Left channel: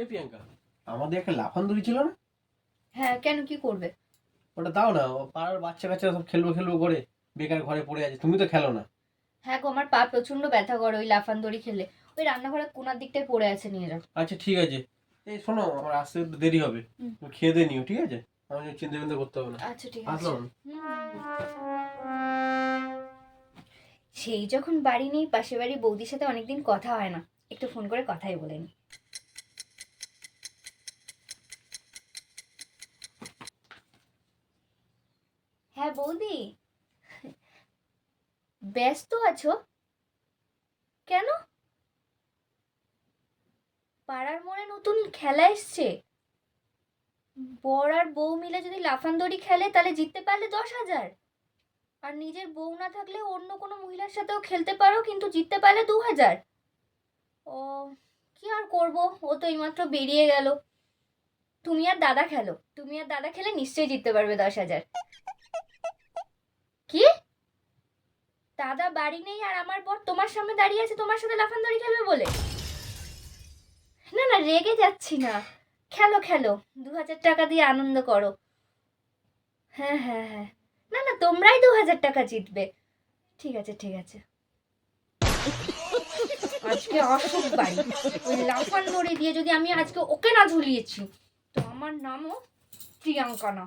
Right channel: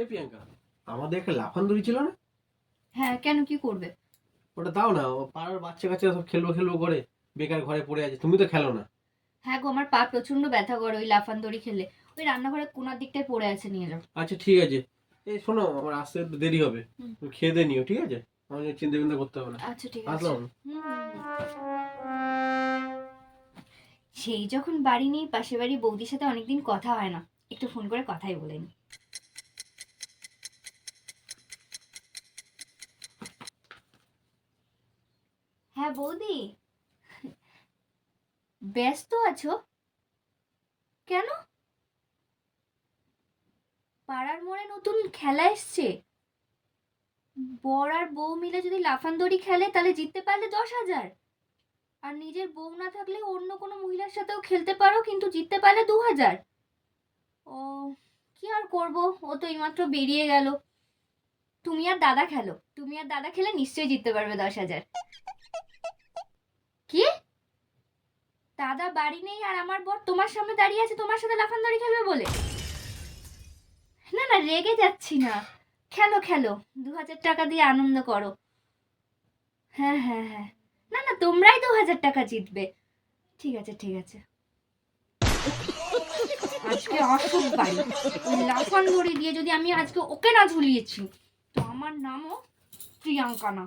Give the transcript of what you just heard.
এ প্রিয়াঙ্কা, আমাদের একটা লাফান দড়ি ছিল না? হ্যাঁ, কেন, কি করবে? ওটা দাও না, ও পাড়ার বাচ্চা কাচ্চা সব খেলবো খেলবো করে বেকার ঘরে পড়ে আছে, তুমি তো খেলো না। হ্যাঁ গো, আমার পা প্রচন্ড ব্যথা করে ওই লাফান দড়ি খেলে। ওই রান্নাঘরের কোনার দিকটায় পড়ে আছে, নিয়ে যাও। আচ্ছা ঠিক আছে। এই শোনো, আমার আসতে একটু দেরি হবে, হুম। তুমি খেয়ে দিয়ে নিও, ঠিক আছে? আমাকে চিন্তা চিন্তা করতে হবে না। আচ্ছা ঠিক আছে। আসলাম আমি। সেই যখন বাড়ি নেই, পাশে বাড়ি বৌদির সাথে অনেকদিন কথা হয় না, একটু ফোন করে কথাই বলে নি। হ্যাঁ বৌদি, ব্যস্ত আছো? কেন? পাড়ার মোড়ে নতুন খেলা এসছে, বর আর বউ মিলে যদি লাফান দড়ি খেলে তাহলে জিততে পারলে 10,000, আর নিজের বউ না থাকলে অন্য কোনো মহিলার সাথেও খেলতে পারো, কিন্তু জিততে পারলে 2,000। ও, কি আর করব, ও তো এইমাত্র বেরিয়ে গেল। তুমি আর দাদা খেলো, তুমি আর দাদা খেলে নিশ্চয়ই জিততে পারবে 10,000। কি? দাদা বাড়ি নেই আর আমার বর তোমার সামনে দাঁড়িয়ে আছে তোমার সাথে লাফান দড়ি খেলবে বলে? না না, রেগে যাচ্ছি না, খেলো খেলো, 2,000 টাকা দিয়ে আনন্দ করো। হ্যাঁ হ্যাঁ হ্যাঁ, না না, তোমরাই 2,000 টাকা জিতবে। ঠিক আছে ঠিক আছে, আজকে আসুক বাড়ি, ওই লাফান দড়ি দিয়ে যদি আমি আজকে ওকে না ঝুলিয়েছি, তো আমার নামও প্রিয়াঙ্কা না।